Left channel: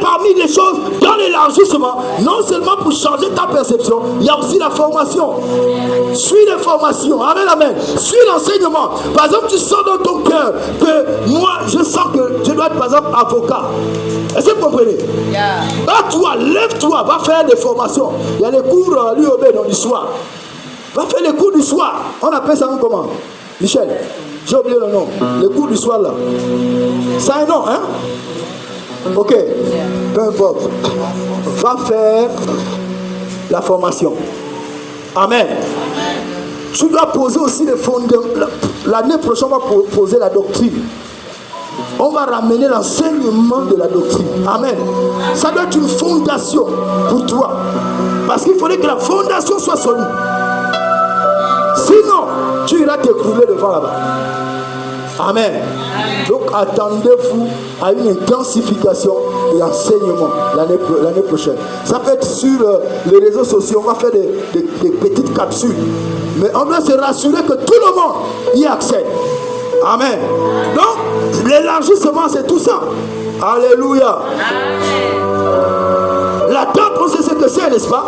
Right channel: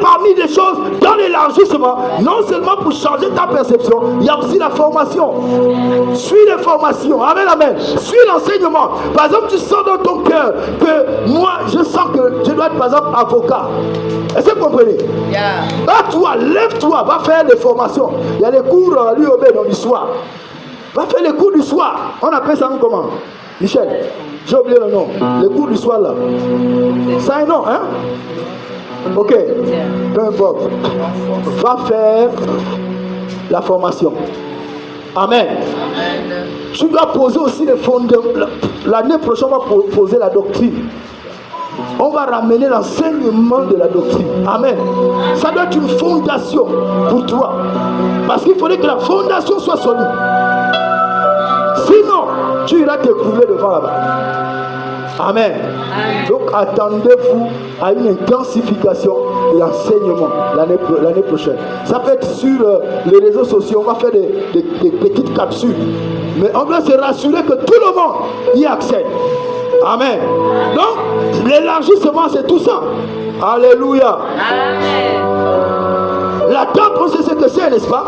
Parmi les choses, dans l'élargissement, non seulement pour changer ta perception, il y a aussi la formation. Suis les formations. Amen, amen. Suis l'enseignement. Par exemple, tu sens dans ton cœur que moi, je sens que je dois être, par exemple, avocat. Est-ce que vous comprenez? Toi, lève-toi, va faire des formations. Il y a les cours à l'UOB dans du soir. Va faire les cours du soir. On appelle ça comment? Michel, j'ai oublié le nom. Les cours du soir là. C'est un nom, hein? Ok, peu importe. Va faire la formation. Amen. Tu dois poser aussi les fondements. L'année prochaine, on va poser la doctrine. On va ramener l'enseignement de la doctrine. Amen. Ça doit être une fondation pour toi. Parce qu'il faudrait que la fondation soit solide. Sinon, tu iras t'écrouler devant là-bas. Amen. Donc attendez-vous à une intensification et enseignement l'année prochaine. Ça peut être sur les réseaux sociaux, on va faire des petites capsules. Mais on doit se rassurer que tout le monde y accède. Amen. Donc l'élargissement, c'est tout ça. Alléluia. La tente, on sait ce que c'est, n'est-ce pas?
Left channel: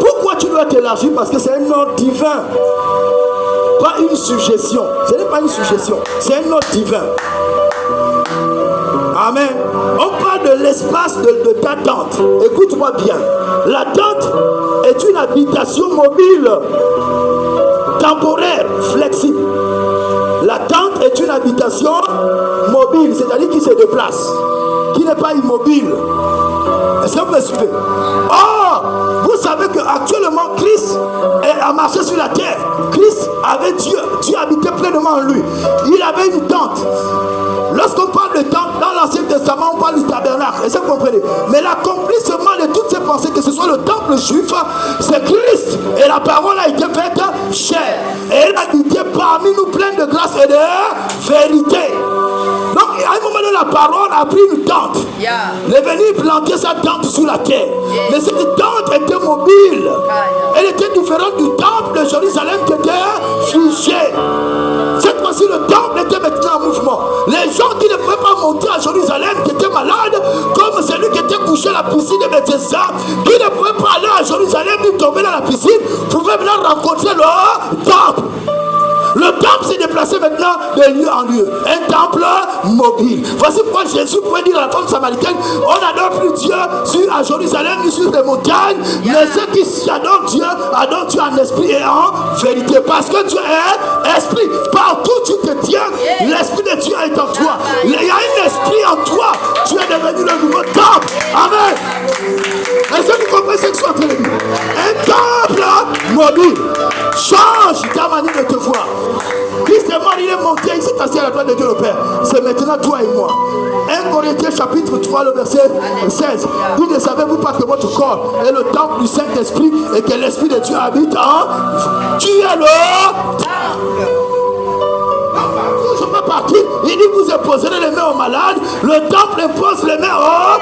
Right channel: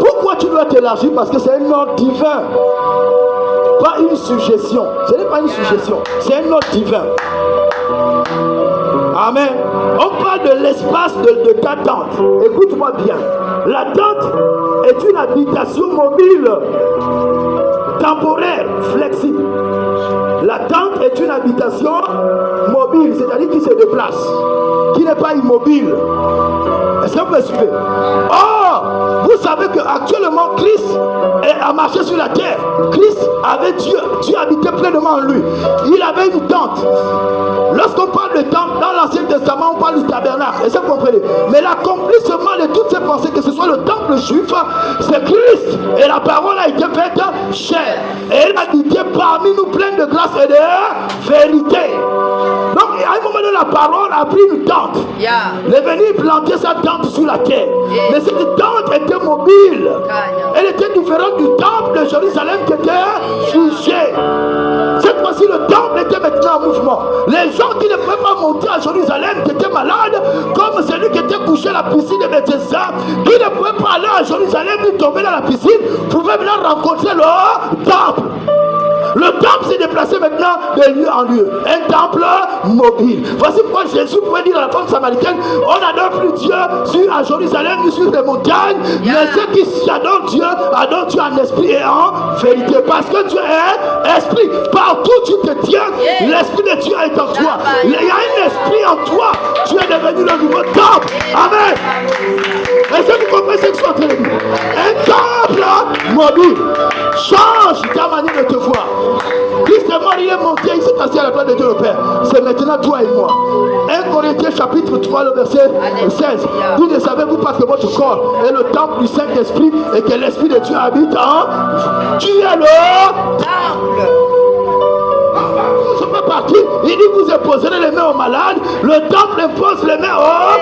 Pourquoi tu dois t'élargir? Parce que c'est un ordre divin. Pas une suggestion. Ce n'est pas une suggestion. C'est un ordre divin. Amen. On parle de l'espace de ta tente. Écoute-moi bien. La tente est une habitation mobile, temporaire, flexible. La tente est une habitation mobile, c'est-à-dire qui se déplace, qui n'est pas immobile. Est-ce que vous me suivez? Or, vous savez qu'actuellement, Christ a marché sur la terre. Christ avait Dieu. Dieu habitait pleinement en lui. Il avait une tente. Lorsqu'on parle de tente, dans l'Ancien Testament, on parle du tabernacle. Est-ce que vous comprenez? Mais l'accomplissement de toutes ces pensées, que ce soit le temple juif, c'est Christ. Et la parole a été faite chair. Et il habitait parmi nous plein de grâce et de vérité. Donc, à un moment donné, la parole a pris une tente. Il est venu planter sa tente sur la terre. Mais cette tente était mobile. Elle était différente du temple de Jérusalem qui était figé. Cette fois-ci, le temple était maintenant en mouvement. Les gens qui ne pouvaient pas monter à Jérusalem, qui étaient malades, comme celui qui était couché à la piscine de Bethesda, qui ne pouvait pas aller à Jérusalem ni tomber dans la piscine, pouvaient maintenant rencontrer le temple. Le temple s'est déplacé maintenant de lieu en lieu. Un temple mobile. Voici pourquoi Jésus pouvait dire à la femme samaritaine, on n'adore plus Dieu à Jérusalem ni sur des montagnes, mais ceux qui adorent Dieu en esprit et en vérité. Parce que Dieu est esprit. Partout où tu te tiens, l'esprit de Dieu est en toi. Il y a un esprit en toi. Tu es devenu le nouveau temple. Amen. Est-ce que vous comprenez ce que je suis en train de dire? Un temple mobile. Change ta manière de te voir. Christ est mort, il est monté, il s'est assis à la droite de Dieu le Père. C'est maintenant toi et moi. 1 Corinthiens chapitre 3, le verset 16. Vous ne savez-vous pas que votre corps est le temple du Saint-Esprit et que l'Esprit de Dieu habite en vous? Tu es le temple. Je peux partir. Il dit vous imposerez les mains aux malades. Le temple impose les mains aux...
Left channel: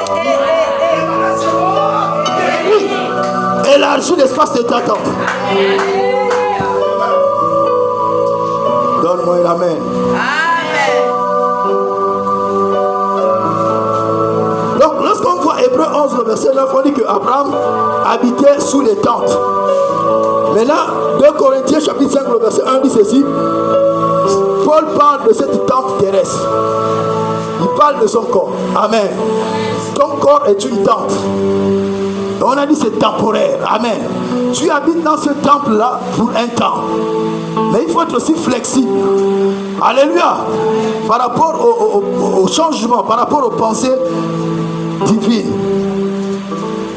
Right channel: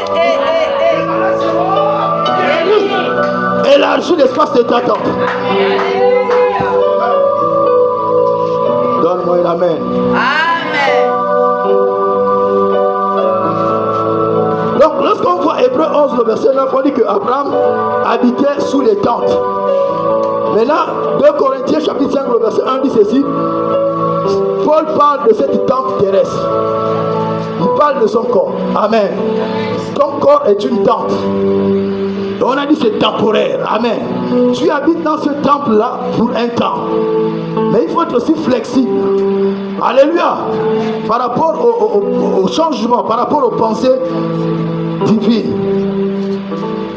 Oui. Élargis l'espace de ta tente. Donne-moi un amen. Amen. Donc, lorsqu'on voit Hébreux 11, le verset 9, on dit qu'Abraham habitait sous les tentes. Maintenant, 2 Corinthiens chapitre 5, le verset 1 dit ceci. Paul parle de cette tente terrestre. Il parle de son corps. Amen. Ton corps est une tente. On a dit c'est temporaire. Amen. Tu habites dans ce temple-là pour un temps. Mais il faut être aussi flexible. Alléluia. Par rapport au changement, par rapport aux pensées divines.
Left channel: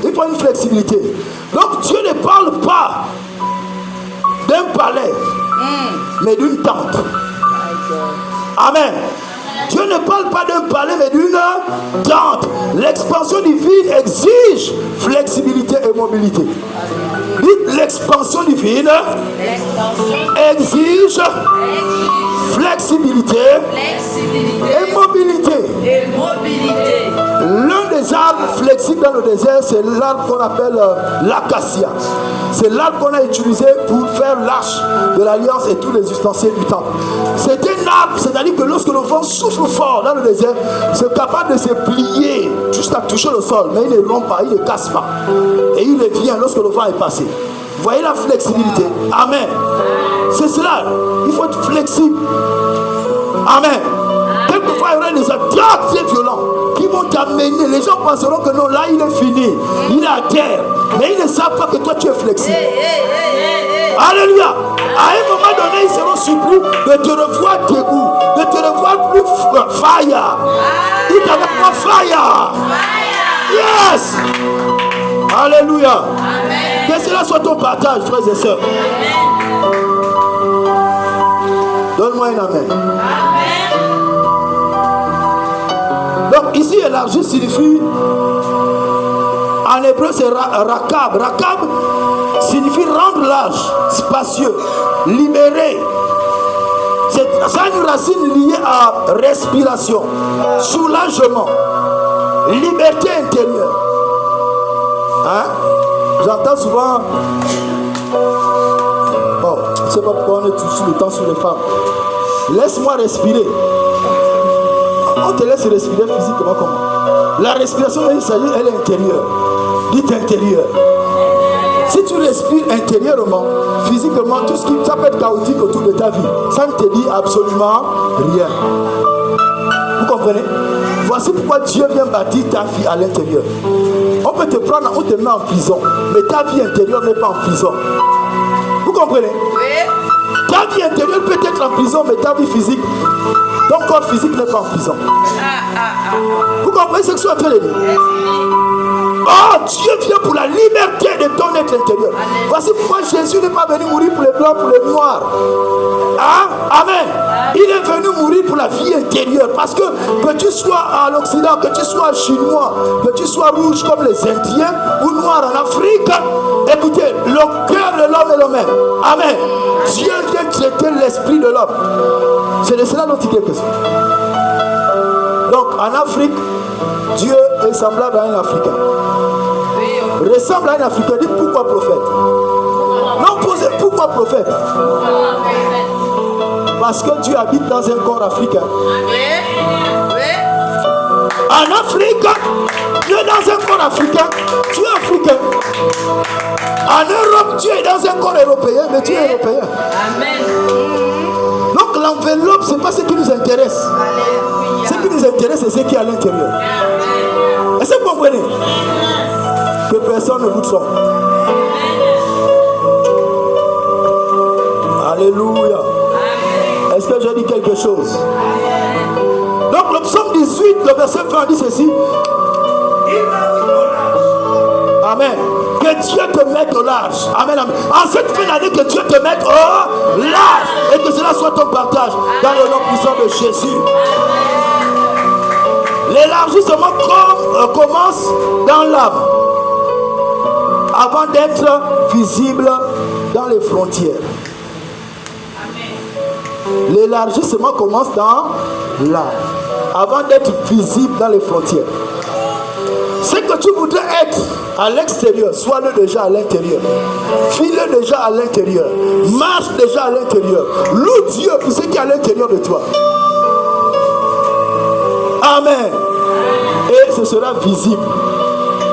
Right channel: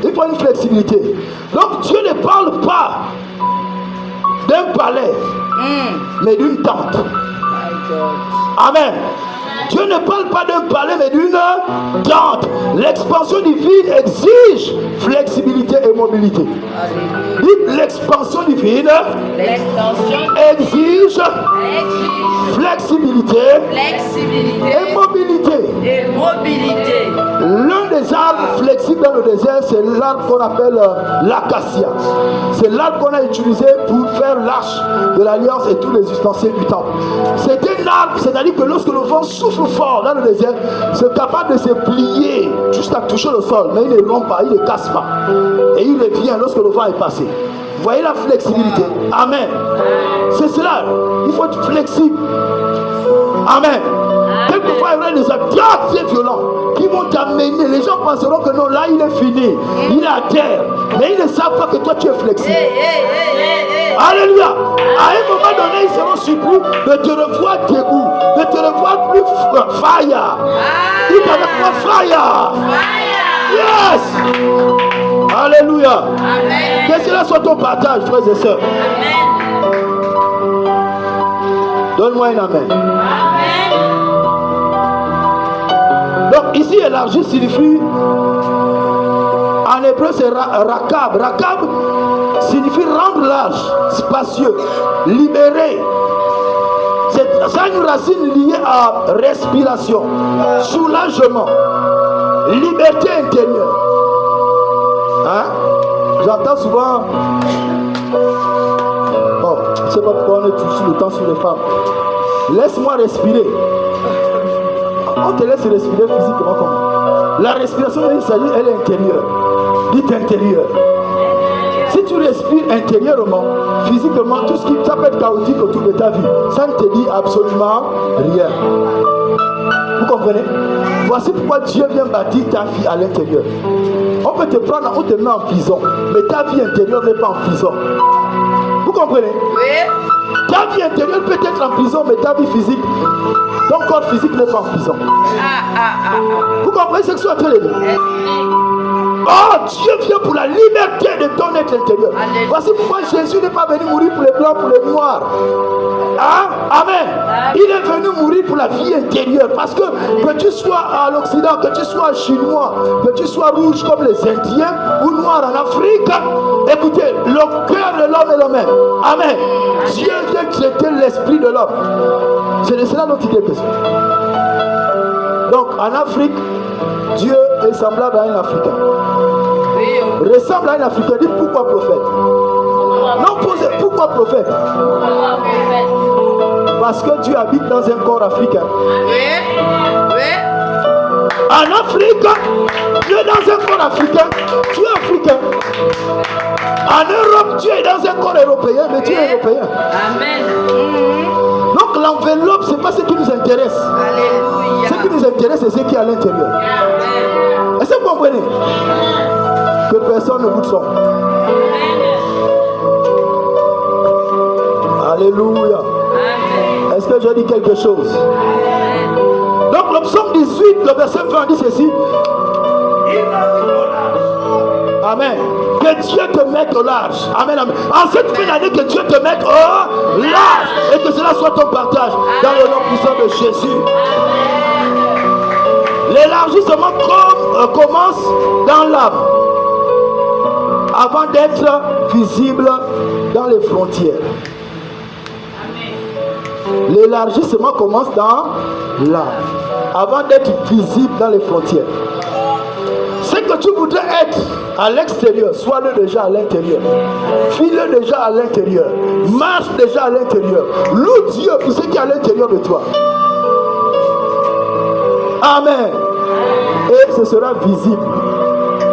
Il faut une flexibilité. Donc Dieu ne parle pas d'un palais, mais d'une tente. Amen. Dieu ne parle pas d'un palais, mais d'une tente. L'expansion divine exige flexibilité et mobilité. Dites l'expansion divine exige flexibilité et mobilité. L'un des arbres flexibles dans le désert, c'est l'arbre qu'on appelle l'acacia. C'est l'arbre qu'on a utilisé pour faire l'arche de l'alliance et tous les ustensiles du temple. C'est un l'arbre, c'est-à-dire que lorsque le vent souffle fort dans le désert, c'est capable de se plier juste à toucher le sol, mais il ne rompt pas, il ne casse pas. Et il revient lorsque le vent est passé. Vous voyez la flexibilité? Amen. C'est cela. Il faut être flexible. Amen. Quelquefois, il y aura des attaques très violents qui vont t'amener. Les gens penseront que non, là, il est fini. Il est à terre. Mais ils ne savent pas que toi, tu es flexible. Alléluia. À un moment donné, ils seront surpris de te revoir debout, de te revoir plus fire. Dites avec moi fire. Yes. Alléluia. Que cela soit ton partage, frères et sœurs. Donne-moi un amen. Donc ici, élargi signifie, en hébreu c'est rakab. Rakab signifie rendre large, spacieux, libéré. Ça a une racine liée à respiration, soulagement, liberté intérieure. Hein? J'entends souvent, je ne sais pas pourquoi on est tout le temps sur les femmes. Laisse-moi respirer. On te laisse respirer physiquement comment? La respiration, elle est intérieure. Dites intérieure. Si tu respires intérieurement, physiquement, tout ce qui ça peut être chaotique autour de ta vie, ça ne te dit absolument rien. Vous comprenez? Voici pourquoi Dieu vient bâtir ta vie à l'intérieur. On peut te prendre, on te met en prison, mais ta vie intérieure n'est pas en prison. Vous comprenez? Oui. Ta vie intérieure peut être en prison, mais ta vie physique, ton corps physique n'est pas en prison. Vous comprenez ce que je suis en train de dire? Oh, Dieu vient pour la liberté de ton être intérieur. Voici pourquoi Jésus n'est pas venu mourir pour les blancs, pour les noirs. Hein? Amen. Il est venu mourir pour la vie intérieure. Parce que tu sois à l'Occident, que tu sois chinois, que tu sois rouge comme les Indiens ou noir en Afrique, écoutez, le cœur de l'homme est le même. Amen. Dieu vient traiter l'esprit de l'homme. C'est de cela dont il est question. Donc en Afrique, Dieu est semblable à un Africain. Ressemble à un Africain. Dites pourquoi prophète? Non, posez pourquoi prophète? Parce que Dieu habite dans un corps africain. En Afrique, Dieu est dans un corps africain. Tu es africain. En Europe, Dieu est dans un corps européen, mais tu es européen. Amen. Donc l'enveloppe, ce n'est pas ce qui nous intéresse. Alléluia. Ce qui nous intéresse, c'est ce qui est à l'intérieur. Est-ce que vous comprenez? Que personne ne vous trompe. Alléluia. Est-ce que je dis quelque chose? Donc le psaume 18, le verset 20 dit ceci. Amen. Que Dieu te mette au large. Amen, amen. En cette fin d'année, que Dieu te mette au large. Et que cela soit ton partage dans le nom puissant de Jésus. L'élargissement commence dans l'âme avant d'être visible dans les frontières. L'élargissement commence dans l'âme avant d'être visible dans les frontières. Ce que tu voudrais être à l'extérieur, sois-le déjà à l'intérieur. File déjà à l'intérieur. Marche déjà à l'intérieur. Loue Dieu pour ce qui est à l'intérieur de toi. Amen. Et ce sera visible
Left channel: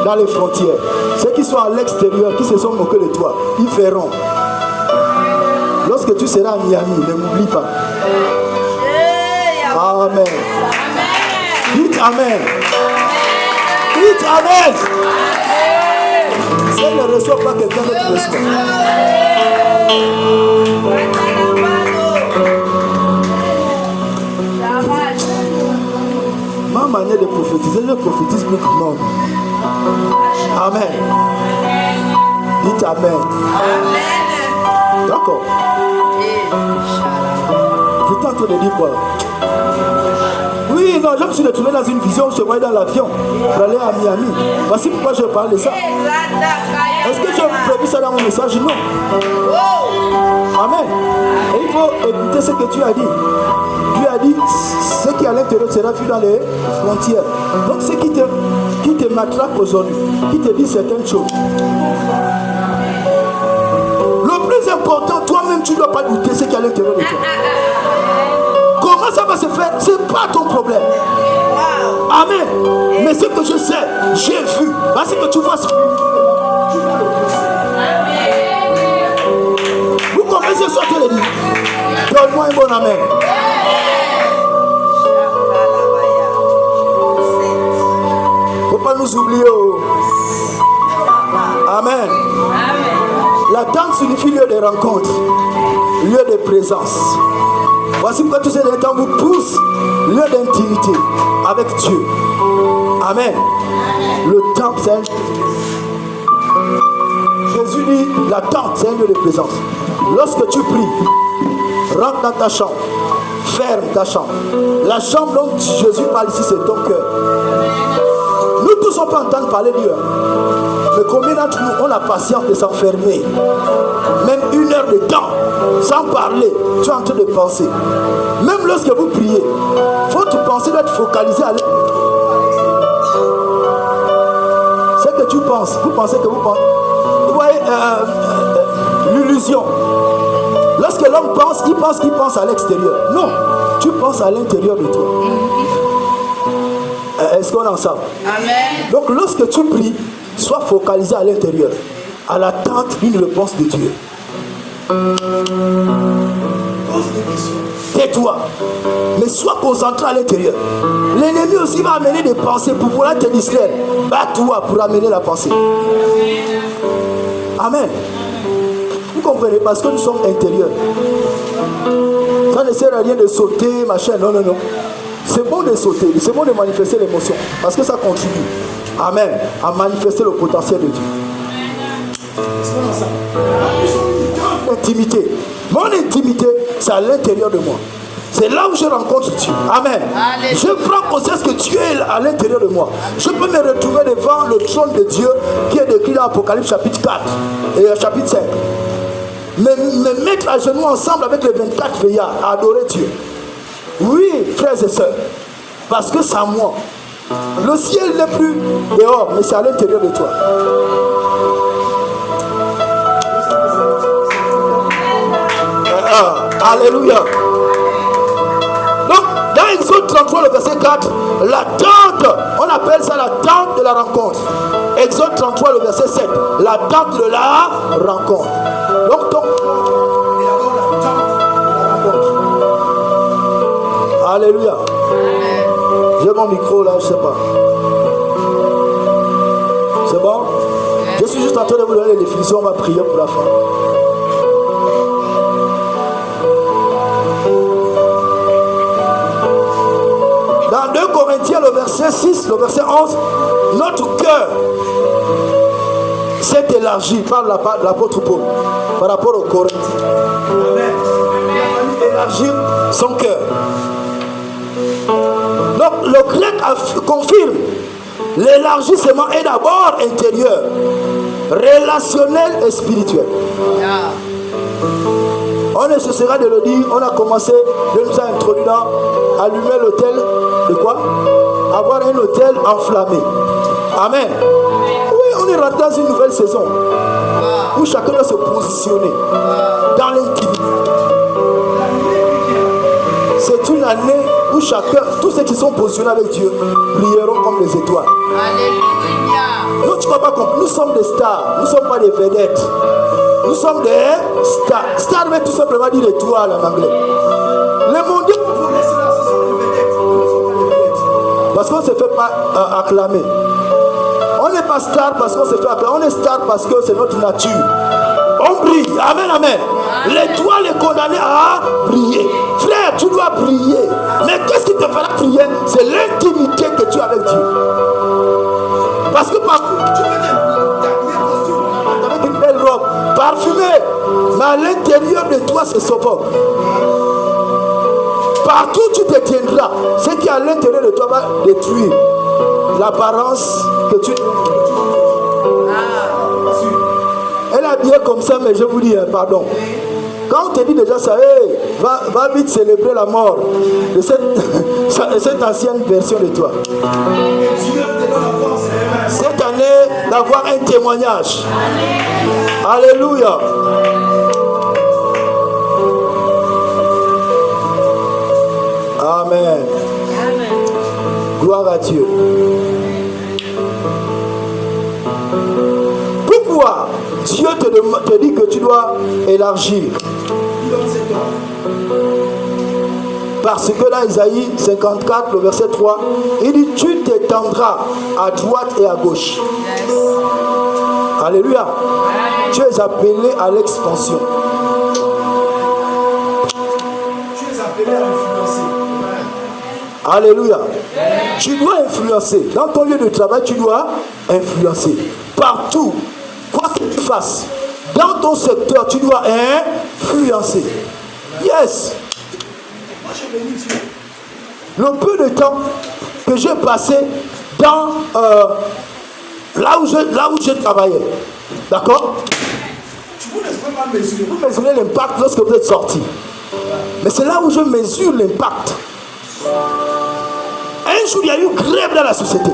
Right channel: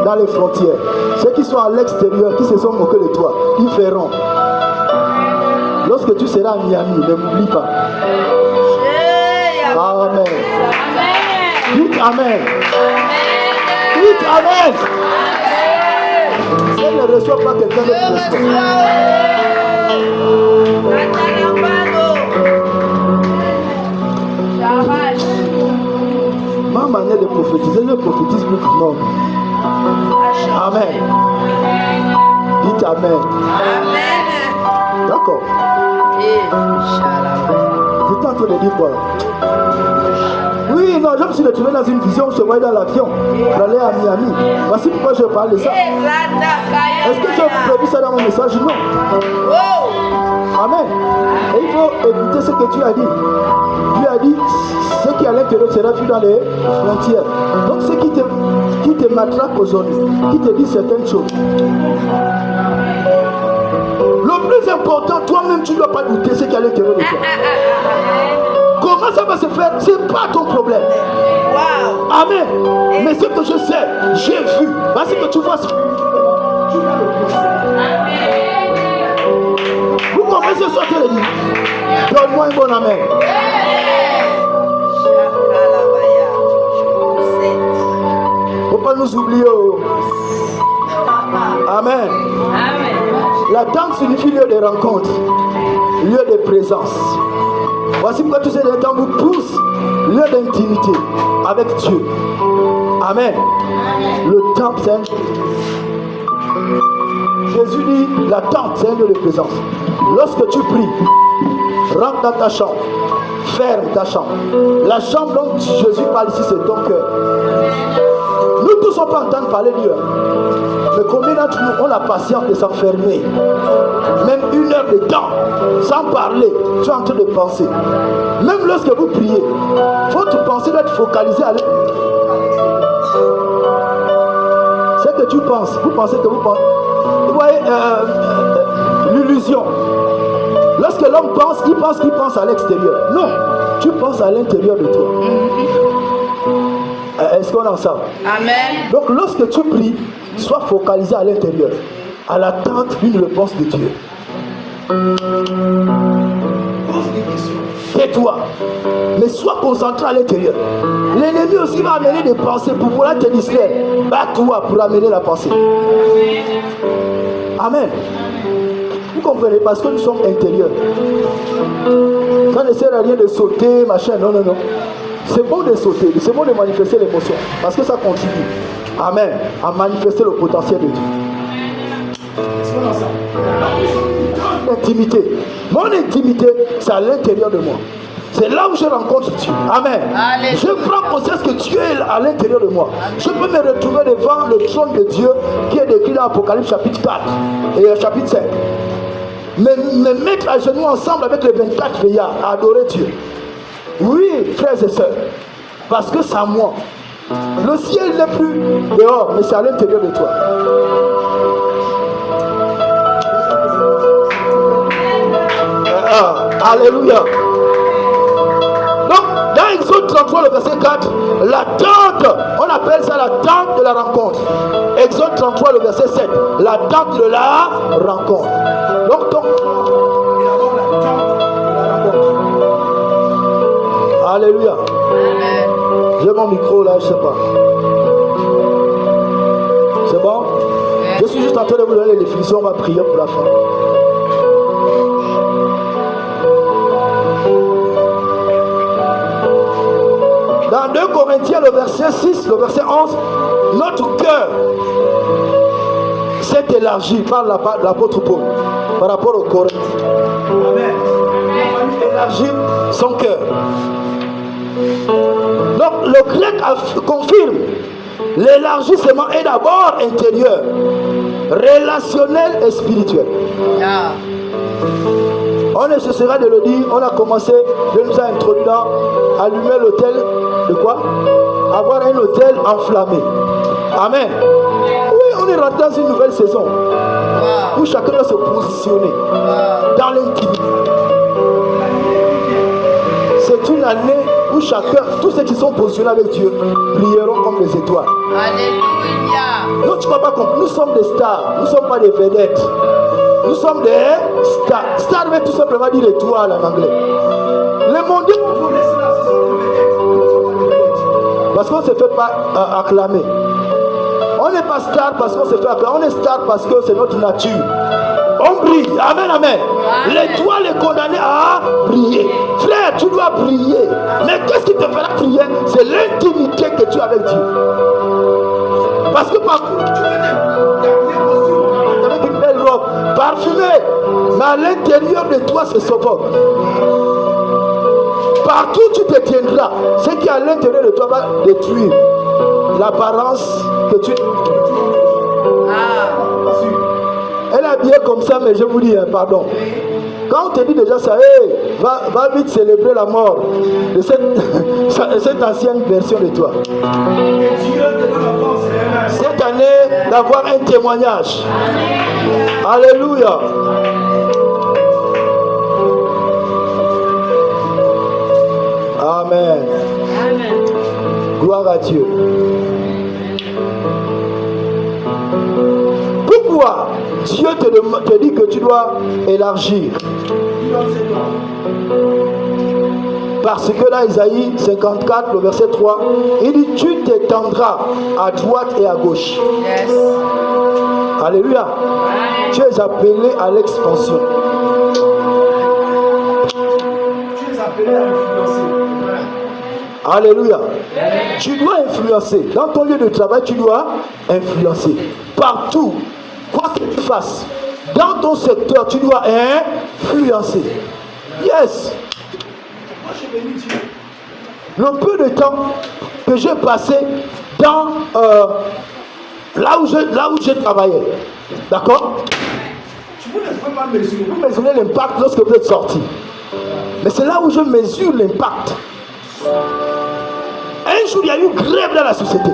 dans les frontières. Ceux qui sont à l'extérieur, qui se sont moqués de toi, ils verront. Lorsque tu seras à Miami, ne m'oublie pas. Amen. Dites Amen. Dites Amen. Si elle ne reçoit pas quelqu'un d'autre reçoit. Ma manière de prophétiser, je prophétise plus que non. Amen. Dites Amen. D'accord. J'étais en train de dire quoi? Oui, non, je me suis retrouvé dans une vision, je voyais dans l'avion pour aller à Miami. Voici pourquoi je parle de ça. Est-ce que tu as prévu ça dans mon message? Non. Amen. Et il faut écouter ce que tu as dit. Dieu a dit, ce qui est à l'intérieur sera vu dans les frontières. Donc ce qui te matraque aujourd'hui, qui te dit certaines choses. Le plus important, toi-même, tu ne dois pas douter ce qui est à l'intérieur de toi. Comment ça va se faire? Ce n'est pas ton problème. Amen. Mais ce que je sais, j'ai vu. Voici que tu vois. Vous commencez à sortir les livres. Donne-moi un bon amen. Faut pas nous oublier. Amen. La tente signifie lieu de rencontre, lieu de présence. Voici pourquoi tous ces temps vous poussent, lieu d'intimité avec Dieu. Amen. Le temple, c'est un... Jésus dit, la tente, c'est un lieu de présence. Lorsque tu pries, rentre dans ta chambre, ferme ta chambre. La chambre dont Jésus parle ici, c'est ton cœur. Nous tous, on peut entendre parler Dieu. Mais combien d'entre nous ont la patience de s'enfermer? Même 1 heure de temps, sans parler, tu es en train de penser. Même lorsque vous priez, il faut te penser d'être focalisé à l'intérieur. C'est que tu penses, vous pensez que vous pensez. Vous voyez l'illusion. Lorsque l'homme pense qu'il pense à l'extérieur. Non, tu penses à l'intérieur de toi. Est-ce qu'on est ensemble? Amen. Donc lorsque tu pries, sois focalisé à l'intérieur, à l'attente d'une réponse de Dieu. Pose des questions. Tais-toi, mais sois concentré à l'intérieur. L'ennemi aussi va amener des pensées pour vouloir te distraire. Bats-toi pour amener la pensée. Amen. Vous comprenez? Parce que nous sommes intérieurs. Ça ne sert à rien de sauter, machin. Non, non, non. C'est bon de sauter, c'est bon de manifester l'émotion. Parce que ça contribue. Amen. À manifester le potentiel de Dieu. Intimité. Mon intimité, c'est à l'intérieur de moi. C'est là où je rencontre Dieu. Amen. Allez. Je prends conscience que Dieu est à l'intérieur de moi. Je peux me retrouver devant le trône de Dieu qui est décrit dans Apocalypse chapitre 4 et chapitre 5. Me mettre à genoux ensemble avec les 24 veillards à adorer Dieu. Oui, frères et sœurs, parce que c'est à moi. Le ciel n'est plus dehors, mais c'est à l'intérieur de toi. Alléluia. Donc, dans Exode 33, le verset 4, la tente, on appelle ça la tente de la rencontre. Exode 33, le verset 7, la tente de la rencontre. Donc, alléluia. J'ai mon micro là, je ne sais pas. C'est bon? Je suis juste en train de vous donner les définitions, on va prier pour la fin. Dans 2 Corinthiens, le verset 6, le verset 11, notre cœur s'est élargi par l'apôtre Paul par rapport aux Corinthiens. Amen. Élargir son cœur. Donc le grec confirme l'élargissement est d'abord intérieur, relationnel et spirituel. On ne cessera de le dire. On a commencé, Dieu nous a introduit dans allumer l'autel de quoi? Avoir un autel enflammé. Amen. Oui, on est rentré dans une nouvelle saison où chacun doit se positionner dans l'intimité. C'est une année où chacun, tous ceux qui sont positionnés avec Dieu, brilleront comme les étoiles. Alléluia. Donc tu ne vas pas comprendre. Nous sommes des stars, nous ne sommes pas des vedettes. Nous sommes des stars. Star veut tout simplement dire étoile en anglais. Les mondiaux, vous laissez là, ce sont des vedettes. Nous ne sommes pas des vedettes. Parce qu'on ne se fait pas acclamer. On n'est pas star parce qu'on se fait acclamer. On est star parce que c'est notre nature. On brille. Amen, amen. L'étoile est condamnée à briller. Frère, tu dois briller. Mais qu'est-ce qui te fera briller? C'est l'intimité que tu as avec Dieu. Parce que partout, tu peux te avec une belle robe parfumée, mais à l'intérieur de toi, c'est sauveur. Partout tu te tiendras. Ce qui est à l'intérieur de toi va détruire l'apparence que tu... Elle est habillée comme ça, mais je vous dis, pardon. Quand on te dit déjà ça, hey, va vite célébrer la mort de cette ancienne version de toi. Cette année, d'avoir un témoignage. Alléluia. Amen. Gloire à Dieu. Pourquoi Dieu te dit que tu dois élargir? Parce que là, Isaïe 54, le verset 3, il dit, tu t'étendras à droite et à gauche. Yes. Alléluia. Tu es appelé à l'expansion. Tu es appelé à influencer. Alléluia. Tu dois influencer. Dans ton lieu de travail, tu dois influencer. Partout, quoi que tu fasses, dans ton secteur, tu dois influencer. Yes. Le peu de temps que j'ai passé dans là où je travaillais, d'accord? Vous ne pouvez pas mesurer. Vous mesurez l'impact lorsque vous êtes sorti. Mais c'est là où je mesure l'impact. Un jour, il y a eu grève dans la société.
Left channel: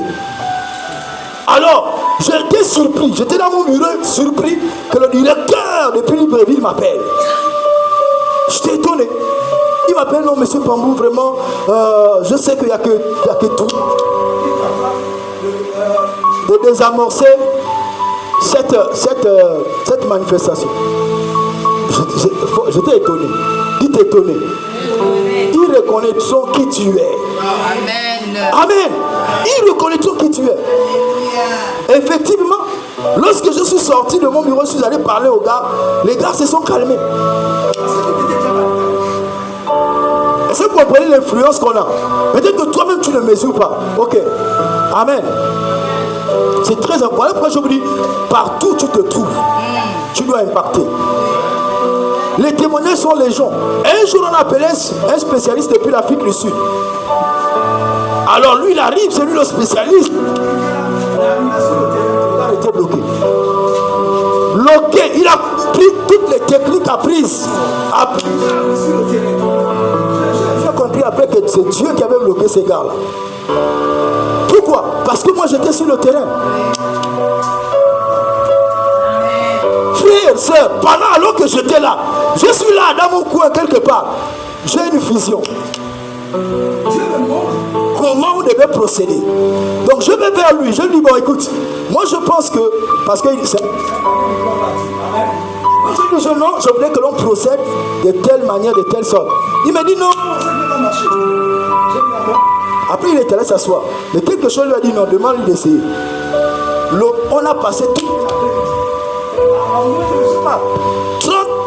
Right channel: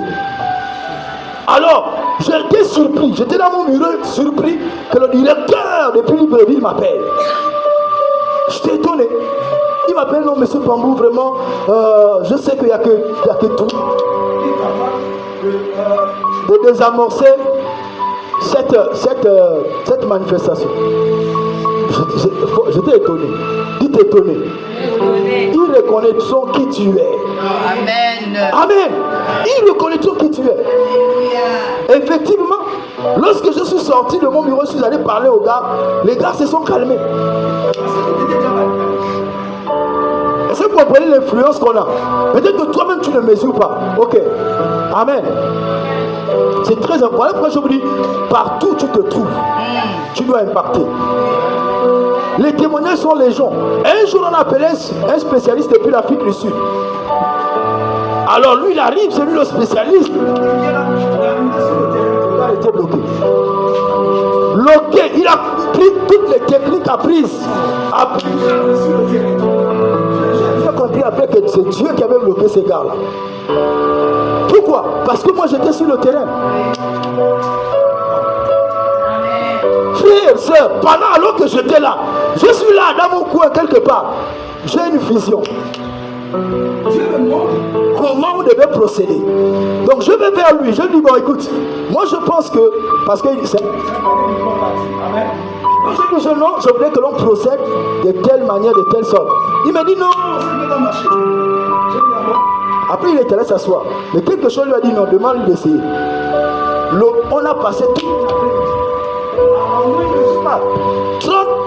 Alors, j'ai été surpris. J'étais dans mon bureau surpris que le directeur de Libreville m'appelle. J'étais étonné. Il m'appelle, non, monsieur Pambou, vraiment, je sais qu'il n'y a que tout. De désamorcer cette manifestation. J'étais étonné. Dites étonné. Ils reconnaîtront qui tu es. Amen. Amen. Ils reconnaîtront qui tu es. Effectivement, lorsque je suis sorti de mon bureau, je suis allé parler aux gars. Les gars se sont calmés. Est-ce que vous comprenez l'influence qu'on a? Peut-être que toi-même tu ne mesures pas. Ok. Amen. C'est très important. Pourquoi je vous dis, partout où tu te trouves, tu dois impacter. Les témoignages sont légion. Un jour on appelait un spécialiste depuis l'Afrique du Sud. Alors lui il arrive, c'est lui le spécialiste. Il a été bloqué. Bloqué, il a pris toutes les techniques apprises. J'ai compris après que c'est Dieu qui avait bloqué ces gars-là. Pourquoi? Parce que moi j'étais sur le terrain. Frères, sœurs, alors que j'étais là, je suis là dans mon coin quelque part. J'ai une vision. Dieu me montre comment on devait procéder. Donc je vais vers lui, je lui dis, bon écoute, moi je pense que, parce qu'il dit, je dis, non, je voudrais que l'on procède de telle manière, de telle sorte. Il m'a dit non, ça ne peut pas marcher. Après il était allé s'asseoir. Mais quelque chose lui a dit non, demande-lui d'essayer. On a passé tout.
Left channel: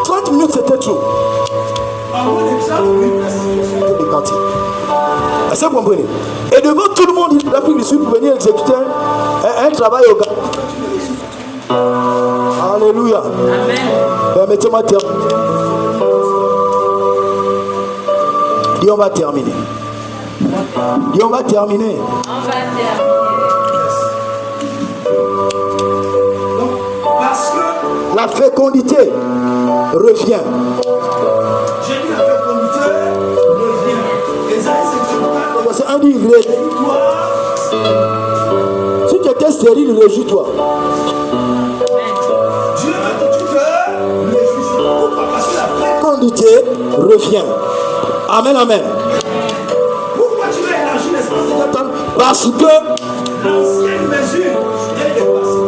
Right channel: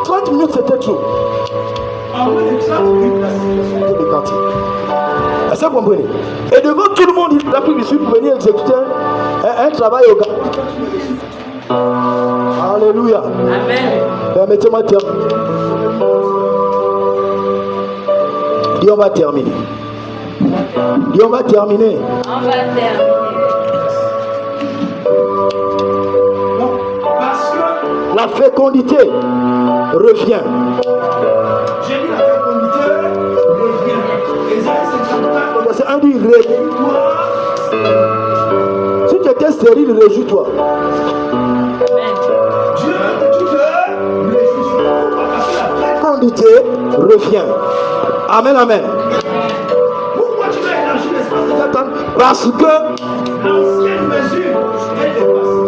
30 minutes c'était trop. En moins de 30 minutes la situation était décantée. Est-ce que vous comprenez? Et devant tout le monde, l'Afrique du Sud pour venir exécuter un travail au gars. Alléluia. Amen. Permettez-moi de terminer. Et on va terminer. Et on va terminer. On va terminer. Donc, parce que la fécondité revient. J'ai dit la fécondité revient. C'est un dit réjouis-toi. Si tu étais stérile, réjouis-toi. Dieu veut que tu te réjouisses. Pourquoi? Parce que la fécondité revient. Amen, amen. Pourquoi tu veux élargir l'espace de ta tente? Parce que l'ancienne mesure est dépassée.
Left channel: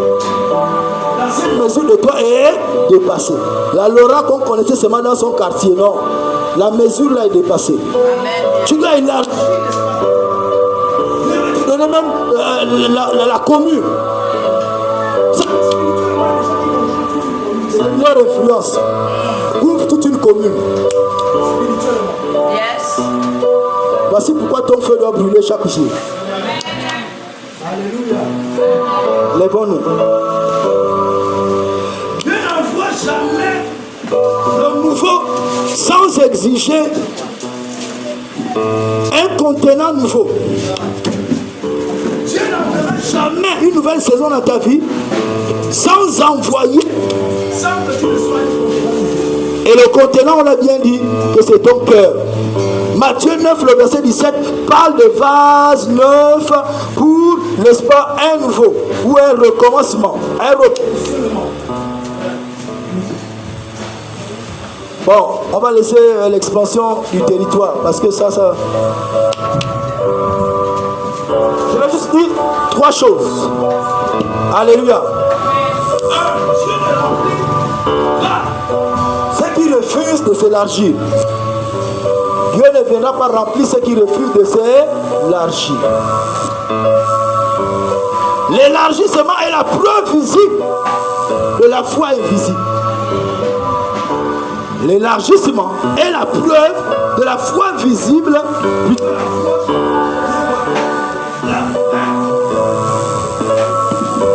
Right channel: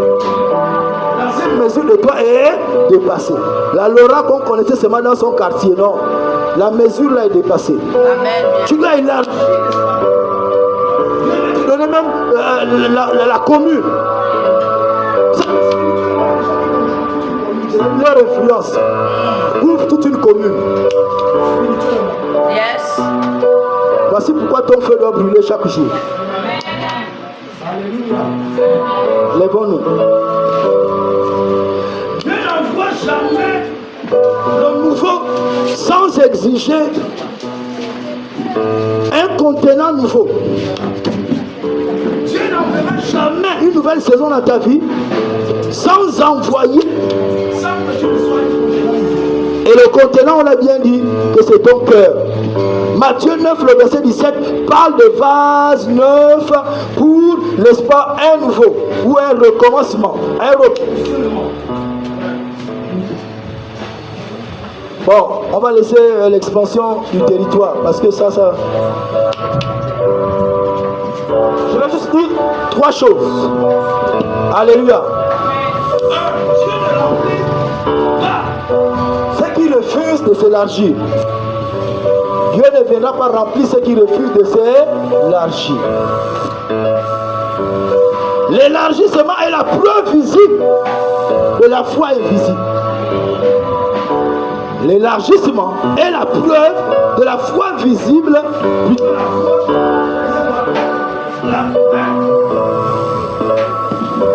L'ancienne mesure de toi est dépassée. La Laura qu'on connaissait seulement dans son quartier, non. La mesure là est dépassée. Amen. Tu dois élargir l'espace. Tu dois donner même la commune. Leur influence ouvre toute une commune. Yes. Voici pourquoi ton feu doit brûler chaque jour. Alléluia. Lèvons-nous. Dieu n'envoie jamais le nouveau sans exiger un contenant nouveau. Dieu n'enverra jamais une nouvelle saison dans ta vie sans envoyer, sans que tu ne sois un contenant nouveau. Et le contenant, on a bien dit que c'est ton cœur. Matthieu 9, le verset 17, parle de vase neuf pour, n'est-ce pas, un nouveau ou un recommencement, un repoussement. Bon, on va laisser l'expansion du territoire parce que ça juste dire 3 choses. Alléluia. Ceux qui refusent de s'élargir, Dieu ne viendra pas remplir ceux qui refusent de s'élargir. L'élargissement est la preuve visible de la foi invisible. L'élargissement est la preuve de la foi visible.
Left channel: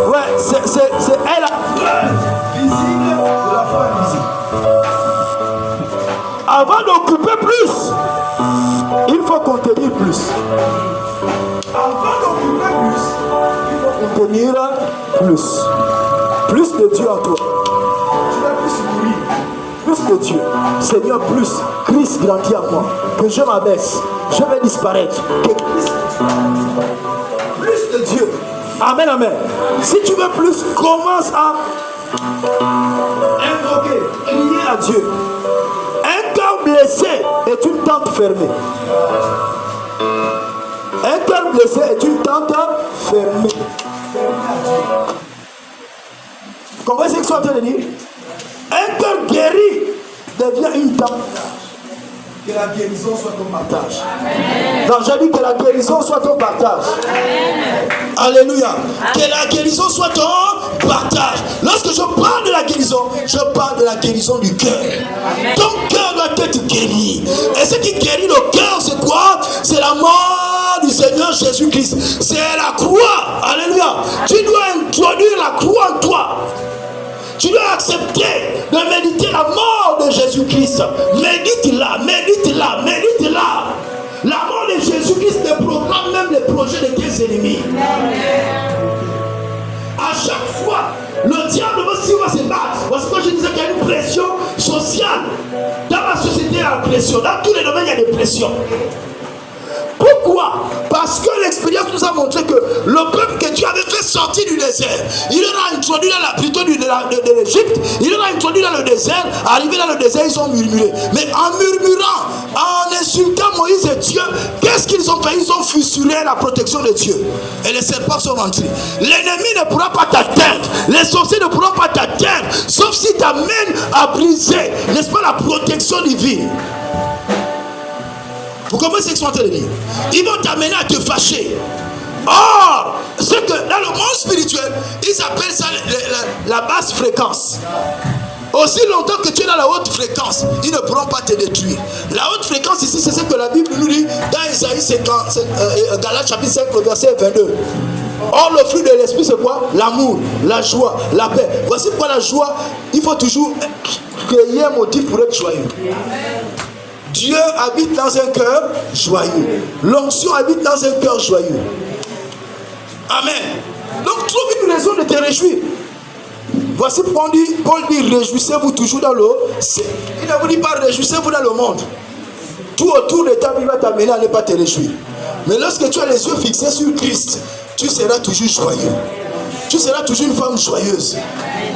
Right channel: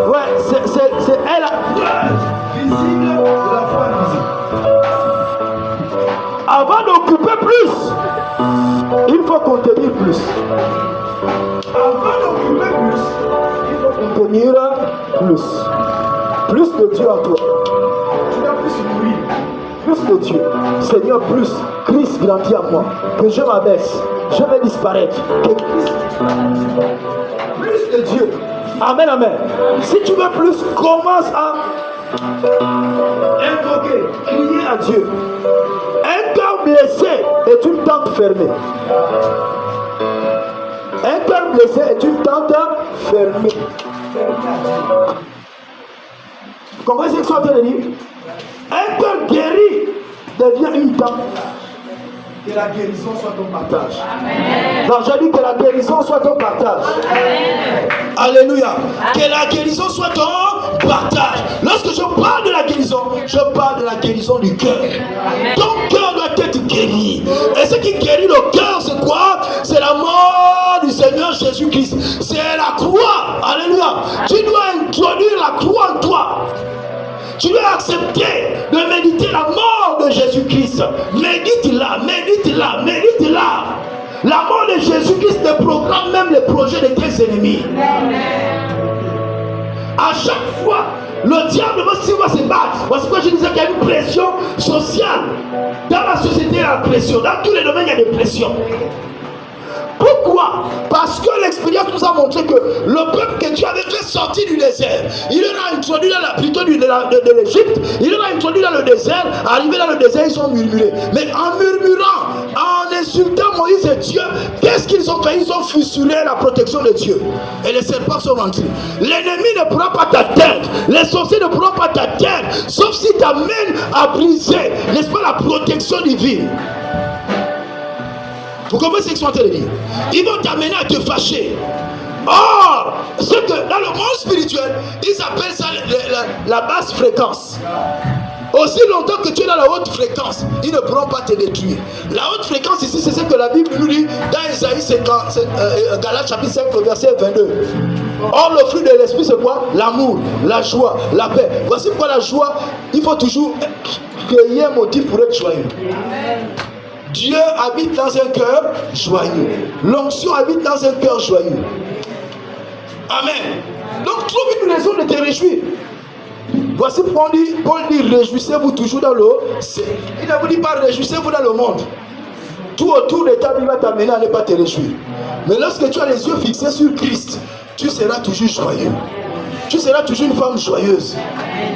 Ouais, c'est la preuve visible de la foi invisible. Avant d'occuper plus, il faut contenir plus. Avant d'occuper plus, il faut contenir plus. Plus de Dieu en toi. Tu vas plus mourir. Plus de Dieu. Seigneur, plus. Christ grandit en moi. Que je m'abaisse. Je vais disparaître. Que Christ... Plus de Dieu. Amen, amen. Si tu veux plus, commence à invoquer, crier à Dieu. Un cœur blessé est une tente fermée. Un cœur blessé est une tente fermée. Fermée à Dieu. Vous comprenez ce que je suis en train de dire? Un cœur guéri devient une tente. Que la guérison soit ton partage. Non, j'ai dit que la guérison soit ton partage. Alléluia. Que la guérison soit ton partage. Lorsque je parle de la guérison, je parle de la guérison du cœur. Ton cœur doit être guéri. Et ce qui guérit le cœur, c'est quoi? C'est la mort du Seigneur Jésus-Christ. C'est la croix. Alléluia. Tu dois introduire la croix en toi. Tu dois accepter de méditer la mort de Jésus-Christ. Médite-la, médite-la, médite-la. La mort de Jésus-Christ te proclame même les projets de tes ennemis. À chaque fois, le diable va se battre. Parce que je disais qu'il y a une pression sociale. Dans la société, il y a la pression. Dans tous les domaines, il y a des pressions. Pourquoi? Parce que l'expérience nous a montré que le peuple que Dieu avait fait sortir du désert, il leur a introduit plutôt de l'Égypte, il leur a introduit dans le désert. Arrivé dans le désert, ils ont murmuré. Mais en murmurant, en insultant Moïse et Dieu, qu'est-ce qu'ils ont fait? Ils ont fissuré la protection de Dieu. Et les serpents sont rentrés. L'ennemi ne pourra pas t'atteindre. Les sorciers ne pourront pas t'atteindre. Sauf si tu amènes à briser, n'est-ce pas, la protection divine. Vous comprenez ce que je suis en train de dire? Ils vont t'amener à te fâcher. Or, c'est que dans le monde spirituel, ils appellent ça la basse fréquence. Aussi longtemps que tu es dans la haute fréquence, ils ne pourront pas te détruire. La haute fréquence ici, c'est ce que la Bible nous dit dans Isaïe Galates chapitre 5, verset 22. Or, le fruit de l'esprit, c'est quoi? L'amour, la joie, la paix. Voici pourquoi la joie, il faut toujours créer un motif pour être joyeux. Dieu habite dans un cœur joyeux. L'onction habite dans un cœur joyeux. Amen. Donc trouve une raison de te réjouir. Voici pourquoi Paul dit réjouissez-vous toujours dans le ciel. Il ne vous dit pas réjouissez-vous dans le monde. Tout autour de ta vie va t'amener à ne pas te réjouir. Mais lorsque tu as les yeux fixés sur Christ, tu seras toujours joyeux. Tu seras toujours une femme joyeuse.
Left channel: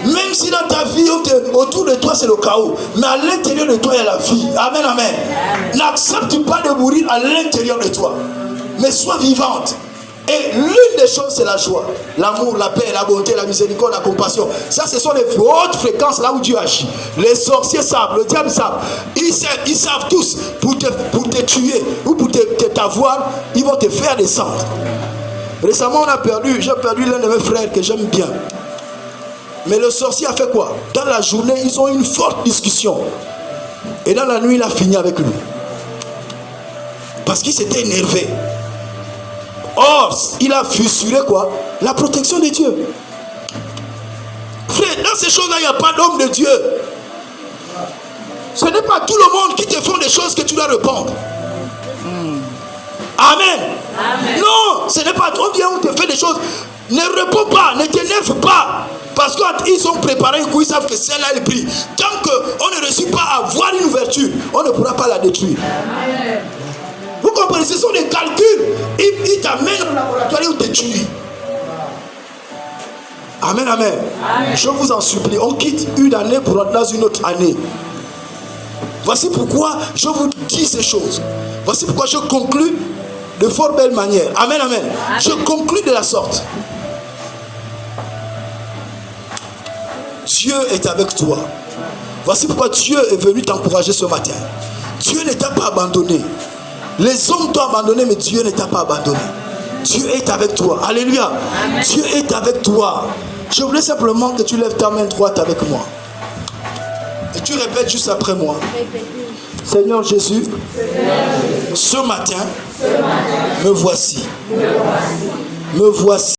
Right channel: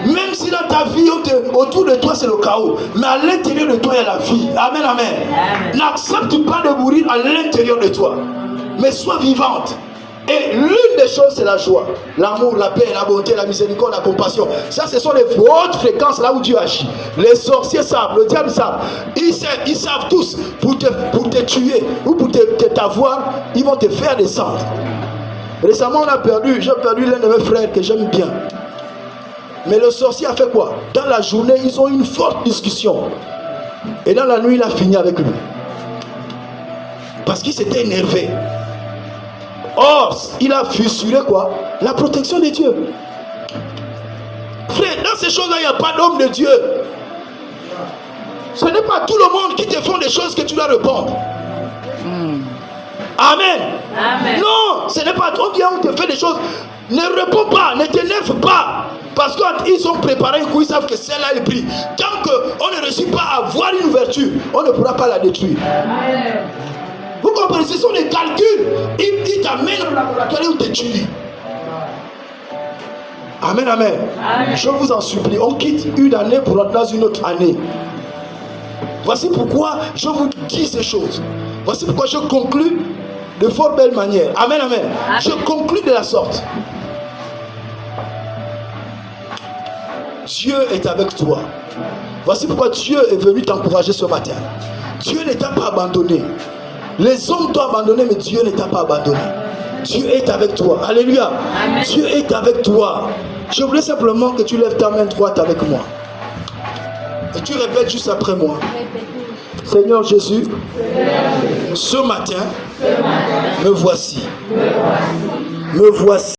Même si dans ta vie, autour de toi, c'est le chaos. Mais à l'intérieur de toi, il y a la vie. Amen, amen. N'accepte pas de mourir à l'intérieur de toi. Mais sois vivante. Et l'une des choses, c'est la joie. L'amour, la paix, la bonté, la miséricorde, la compassion. Ça, ce sont les hautes fréquences là où Dieu agit. Les sorciers savent, le diable savent. Ils savent tous, pour te tuer ou pour t'avoir, ils vont te faire descendre. Récemment, j'ai perdu l'un de mes frères que j'aime bien. Mais le sorcier a fait quoi? Dans la journée, ils ont eu une forte discussion. Et dans la nuit, il a fini avec lui. Parce qu'il s'était énervé. Or, il a fissuré quoi? La protection de Dieu. Frère, dans ces choses-là, il n'y a pas d'homme de Dieu. Ce n'est pas tout le monde qui te font des choses que tu dois répondre. Amen. Amen. Non, ce n'est pas trop bien où tu fais des choses. Ne réponds pas, ne t'énerve pas. Parce qu'ils ont préparé un coup, ils savent que celle-là elle brille. Tant qu'on ne réussit pas à avoir une ouverture, on ne pourra pas la détruire. Amen. Vous comprenez, ce sont des calculs. Ils t'amènent au laboratoire et ils te tuent. Amen, amen, amen. Je vous en supplie, on quitte une année pour entrer dans une autre année. Voici pourquoi je vous dis ces choses. Voici pourquoi je conclus de fort belle manière. Amen, amen. Je conclus la sorte. Dieu est avec toi. Voici pourquoi Dieu est venu t'encourager ce matin. Dieu ne t'a pas abandonné. Les hommes t'ont abandonné, mais Dieu ne t'a pas abandonné. Dieu est avec toi. Alléluia. Amen. Dieu est avec toi. Je voulais simplement que tu lèves ta main droite avec moi. Et tu répètes juste après moi. Seigneur Jésus, ce matin, me voici. Me voici.